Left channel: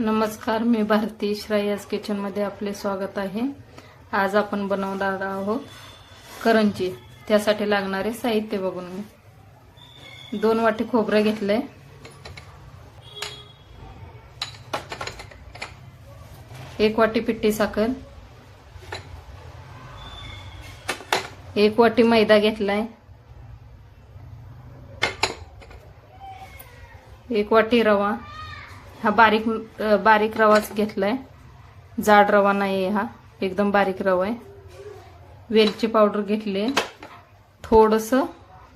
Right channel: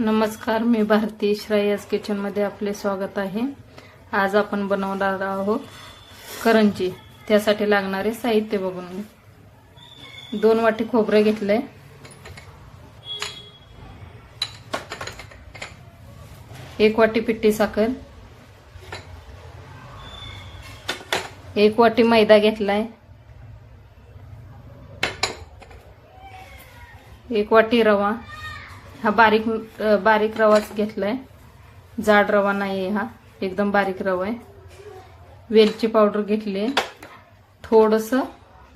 नमस्कार, मी भारती श्रेयस किचनमध्ये आपले स्वागत आहे। आज आपण बनवणार आहोत करंजी। त्यासाठी लागणारे साहित्य बघून घ्या। 2 वाटी खोबरं घेतलंय, 1 वाटी पिठी साखर, 1 वाटी मैदा घेतलाय, 1 वाटी रवा। हा बारीक रवाच घेतलाय, जाड रवा नाही, हा एकदम बारीक रवा आहे। वेलची पावडर घेतली, थोडंसं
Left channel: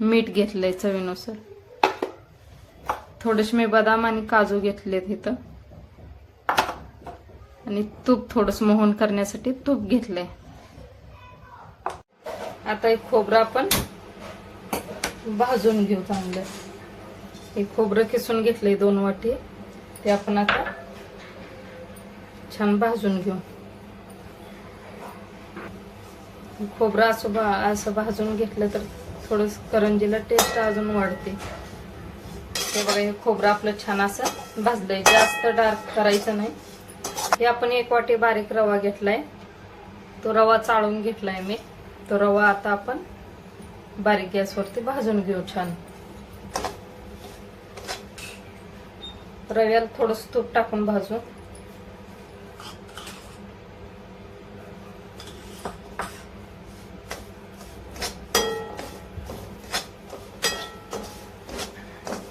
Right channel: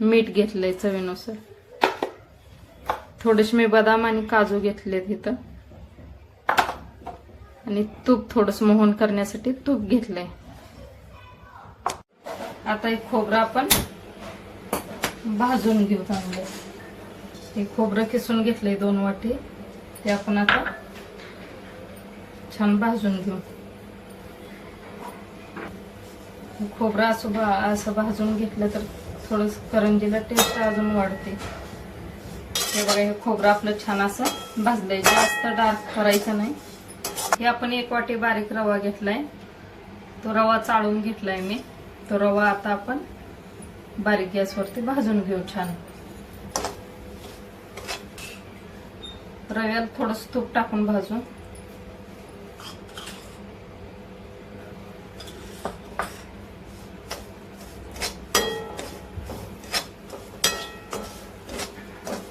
मीठ घेतलंय चवीनुसार, थोडेसे मी बदाम आणि काजू घेतलेत इथं, आणि तूप थोडंसं मोहन करण्यासाठी तूप घेतलंय। आता एक खोबरं आपण भाजून घेऊ चांगलं। हे खोबरं किसून घेतलंय 2 वाटी, ते आपण आता छान भाजून घेऊ। खोबरं असं भाजून घेतलं तर थोडंसं करंजीला टेस्ट अजून वाढते। हे बघा, हे खोबरं आपलं छान असं भाजलंय, जास्त डार्क करायचं नाही। हे आपण 1 वाटी बारीक रवा घेतलाय, तो रवा चाळून घेतलाय मी। तो रवा आता आपण बारीक गॅसवरती भाजून घेऊ छान। रव्याला थोडंसं तूप टाकून भाजून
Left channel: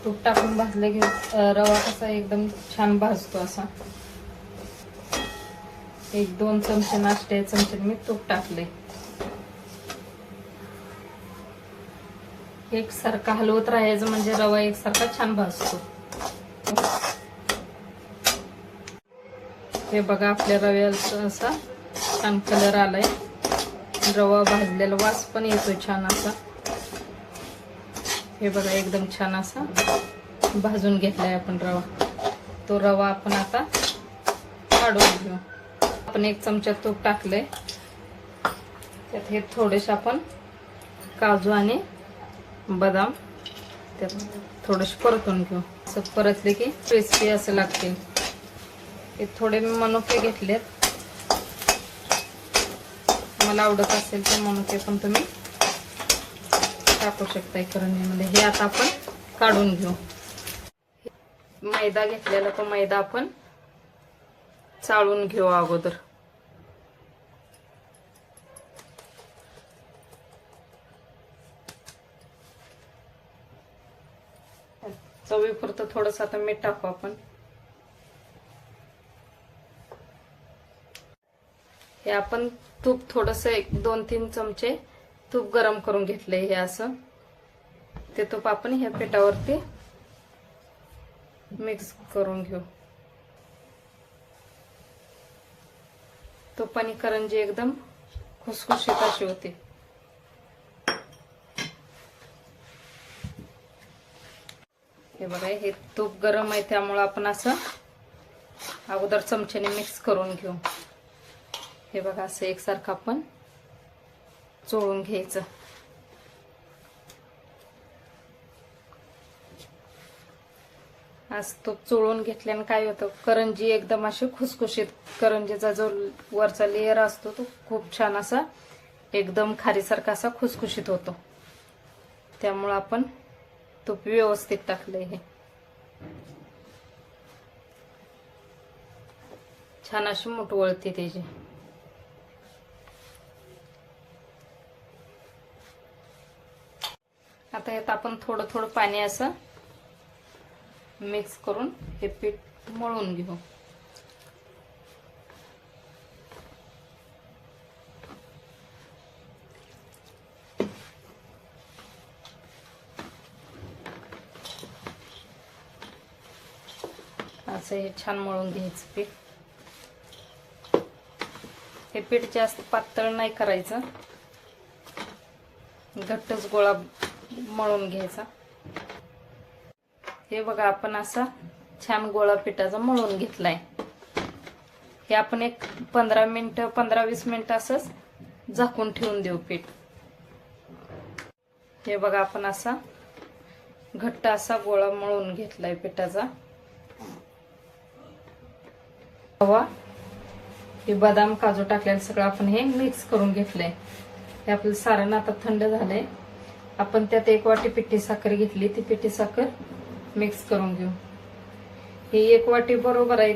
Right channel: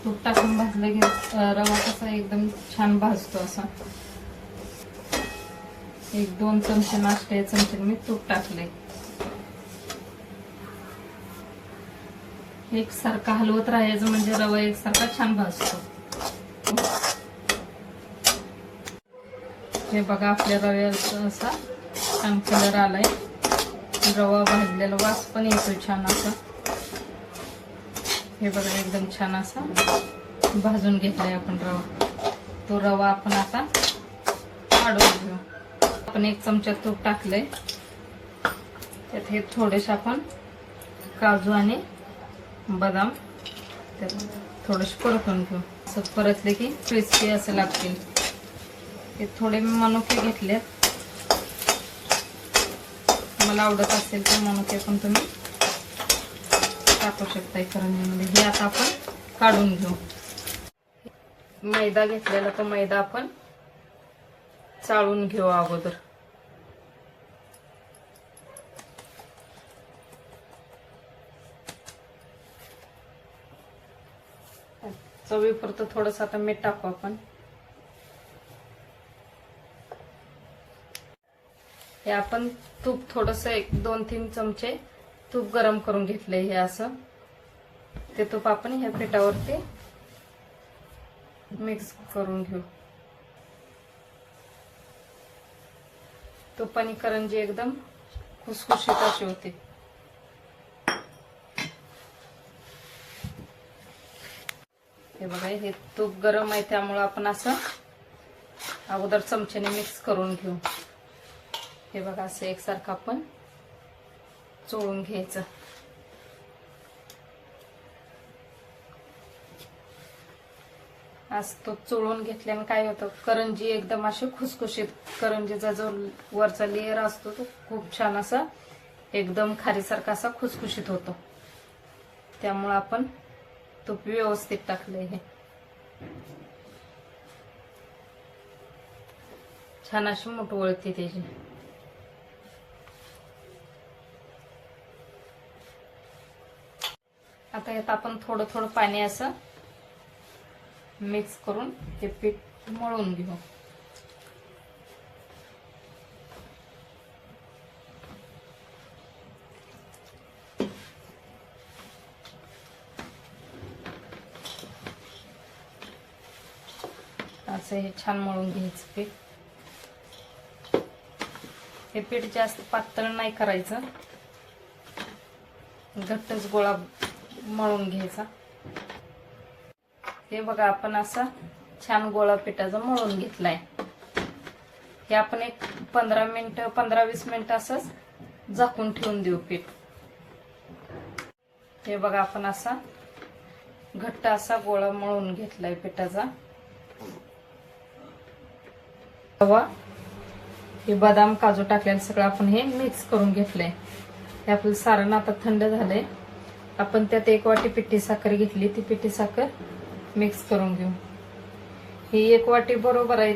तूप टाकून भाजले की रवा कसा एकदम छान भाजतो असा। 1-2 चमचे नाश्ते चमचे मी तूप टाकले। एकसारखा हलवत राहायचं म्हणजे रवा एकसारखा छान भाजतो। हे बघा, आपल्या रव्याचा असा छान कलर आलाय, रवा भाजलेला वास पण येतोय छान असा। हे बघा, एकदम छान असा भाजून घेतलाय आपण रवा। तो रवा आपण आता काढून घेऊ। आपण 1 चमचा तूप टाकले, त्यात हे थोडेसे आपण काजू आणि बदाम त्यात थोडेसे परतून घेऊ। असं परतले की क्रिस्पी असं लागतील। हे थोडे मी मनुके घेतले, मला आवडत असेल तर मनुके पण तुम्ही टाकू शकता करंजीमध्ये। हे आता आपण काढून घेऊ। मैदा घेतलेला, तो मैदा आपण चाळून घेऊ अगोदर। चवीपुरतं थोडंसं आता मीठ टाकू आपण। हे आपण तूप थोडंसं 1-2-3 चमचे तूप गरम करून घेतले। हे असं ते तूप आपण ह्या पिठावरती मिक्स करून घेऊ। तुपानी करंजी एकदम खुसखुशीत अशी होते। हे बघा, हे तूप गरम आहे त्यामुळे आपण असं अगोदर चमच्याने मिक्स करून घेऊ। हे बघा, असं एकसारखं आपण चोळून घ्यायचं। आज तो चोळून घेतल्याने काय होतं, करंजी एकदम अशी खुसखुशीत, करंजीचा जो वरचा लेयर असतो तो खूप छान असा एकदम खारीसारखा असा खुसखुशीत होतो। त्यामुळे आपण तूप व्यवस्थित टाकलंय। हे छान अशी मोठ वळते त्याची। आता यात आपण थोडं थोडं पाणी असं मिक्स करून हे पीठ मळून घेऊ। असं हे छान मळून घ्यायचं पीठ। हे पीठ जास्त पातळ नाही करायचं, घट्टच गोळा मळून घ्यायचा। हे बघा, आपण असा छान गोळा पिठाचा मळून घेतलाय। हे आपण एक 15-20 मिनिटं असंच झाकून ठेवून देऊ पीठ। हे बघा, आपण असा घट्ट असा गोळा मळून घेतलाय पिठाचा। रवा, हे बदाम काजू टाकलेलं सगळं आपण हे मिक्स करून घेतलंय. हे आपलं सारण आता थंड झालंय. आपण त्यात 1 वाटी पिठी साखर घेतली, ती पिठी साखर मिक्स करून घेऊ. ही 1 वाटी बरोबर आहे.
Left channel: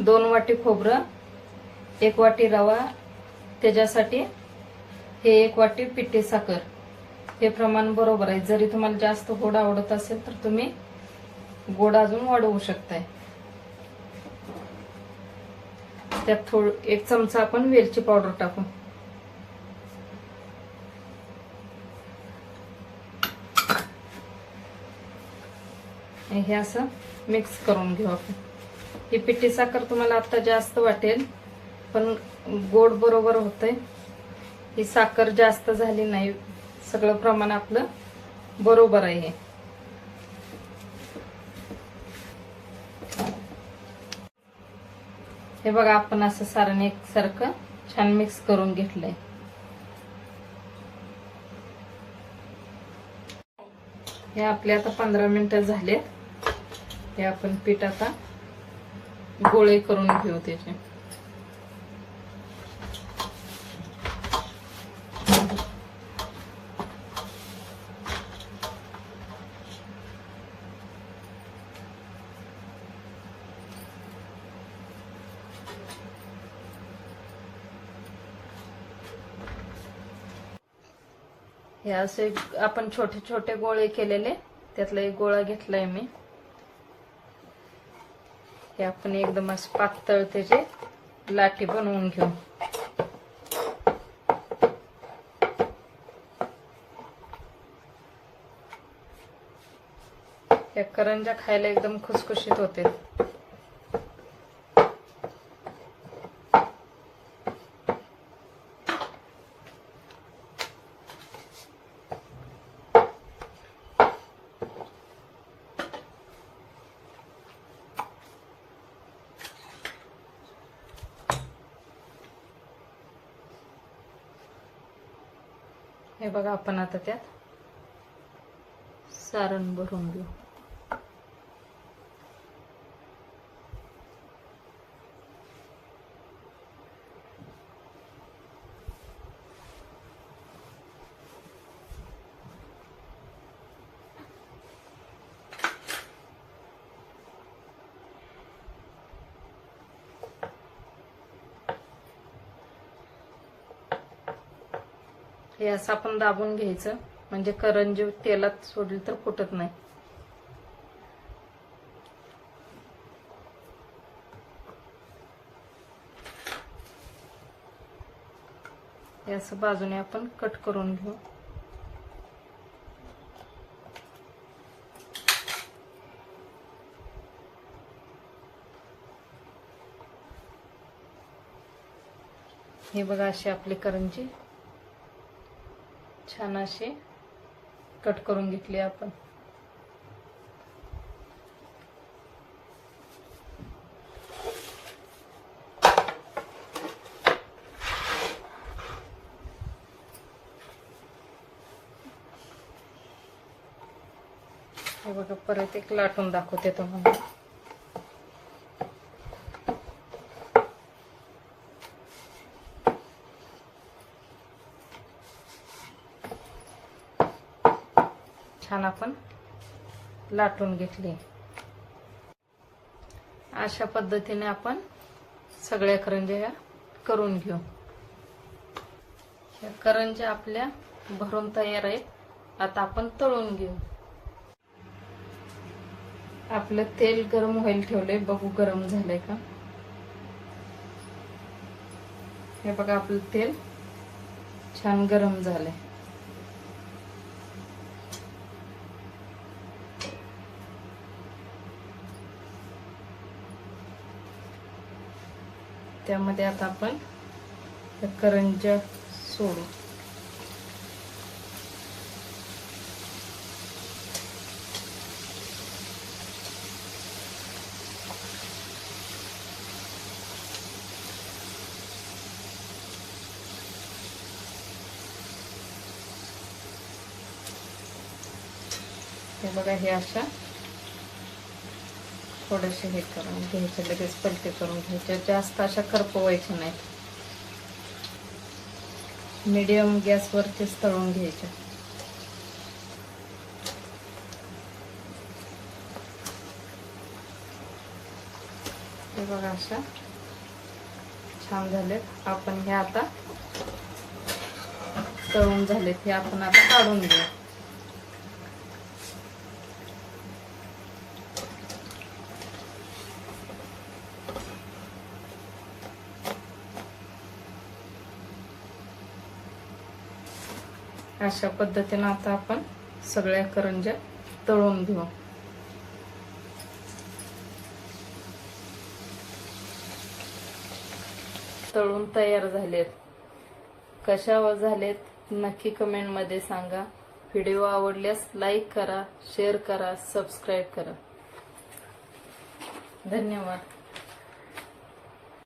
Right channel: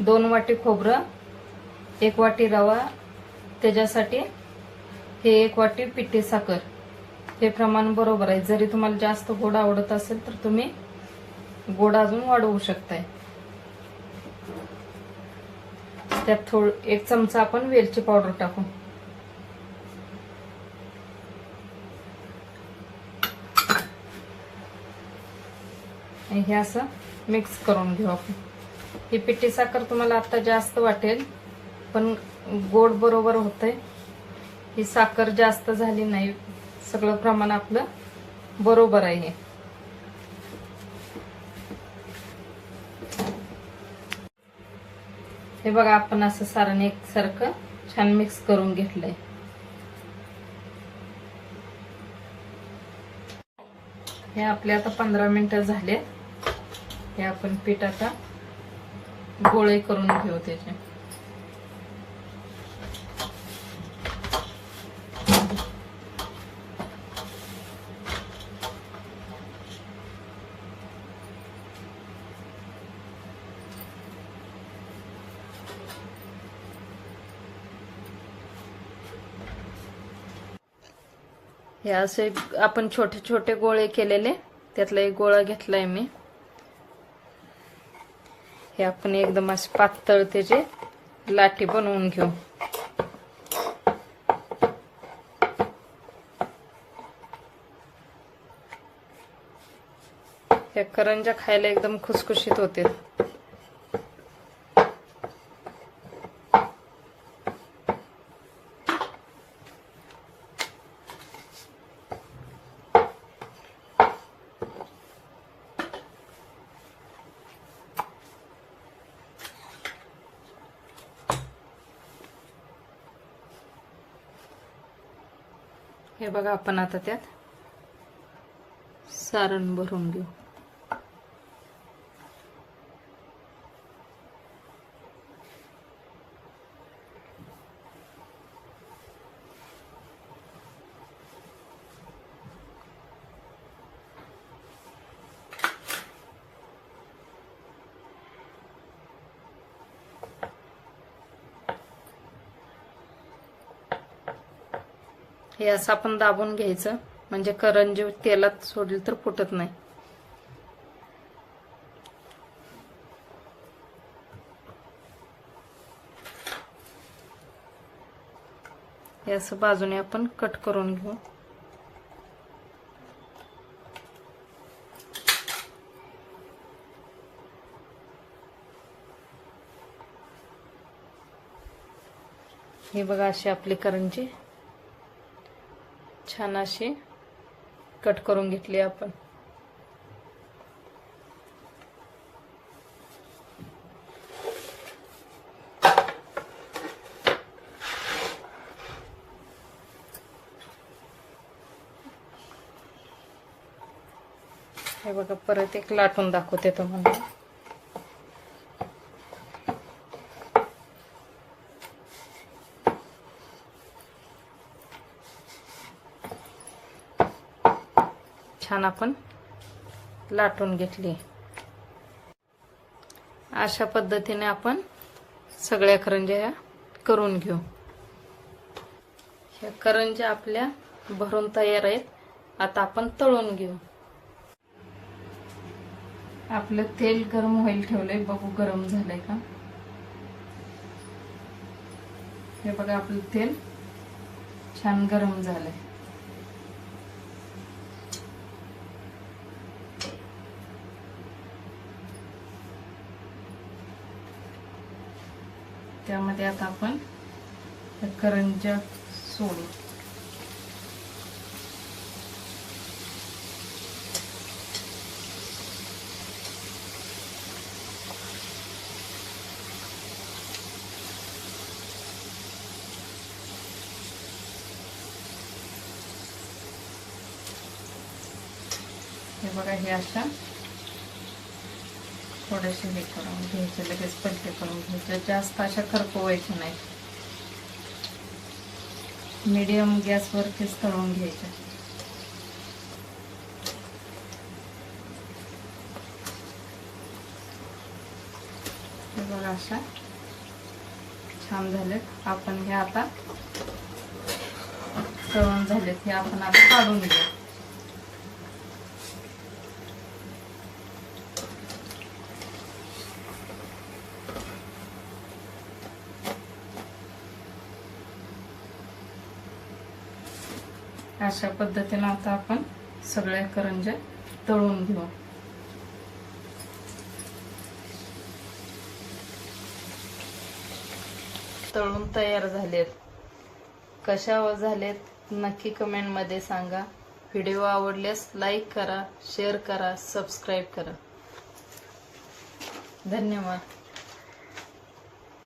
2 वाटी खोबरं, 1 वाटी रवा, त्याच्यासाठी हे 1 वाटी पिठी साखर, हे प्रमाण बरोबर आहे. जरी तुम्हाला जास्त गोड आवडत असेल तर तुम्ही गोड अजून वाढवू शकताय. त्यात 1 चमचा आपण वेलची पावडर टाकू. हे असं मिक्स करून घेऊ आपण. ही पिठी साखर तुम्हाला आता जास्त वाटेल, पण गोड बरोबर होतंय. ही साखर जास्त झाली नाही, सगळं प्रमाण आपलं बरोबर आहे. हे बघा, आपण असं सारण एकसारखं छान मिक्स करून घेतलंय. हे आपले आता 15 मिनिटं झाले. हे आपण पीठ आता गोळे करून घेऊ त्याचे. हे असे आपण छोटे छोटे गोळे केलेले, त्यातला एक गोळा घेतलाय मी. हे आपण एकदम असे पातळ त्याचे लाटी बनवून घेऊ. या करंज्या खायला एकदम खुसखुशीत होते. हे बघा, आपण आता त्यात सारण भरून घेऊ. हे असं आपण दाबून घ्यायचं, म्हणजे करंजी तेलात सोडली तर फुटत नाही. हे असं बाजूने आपण कट करून घेऊ. हे बघा, अशी आपली करंजी छान अशी कट करून घेतली आपण. हे बघा, परत एक लाटून दाखवते तुम्हाला. छान आपण लाटून घेतली. अशा पद्धतीने आपण सगळ्या करंज्या करून घेऊ. या करंज्या आपल्या भरून तयार आहेत. आता आपण तळून घेऊ. आपलं तेल गरम व्हायला ठेवलंय, बघू गरम झालंय का. हे बघा, आपलं तेल छान गरम झालंय. त्यामध्ये आता आपण करंज्या सोडू. हे बघा, हे अशा थोडेसे हे करून घ्यायचे, लगेच पलटे करून घ्यायचे, जास्त अशा करपवायच्या नाहीत, मीडियम गॅसवरतीच तळून घ्यायचे. हे बघा अशा छान झालेत. आपण हे आता तळून झालेत, हे आपण आता काढून घेऊ. अशा पद्धतीने आता आपण सगळ्या करंज्या तळून घेऊ. तळून तयार झालेत. कशा झालेत नक्की कमेंट मध्ये सांगा. व्हिडिओ आवडल्यास लाईक करा, शेअर करा, सबस्क्राईब करा. धन्यवाद.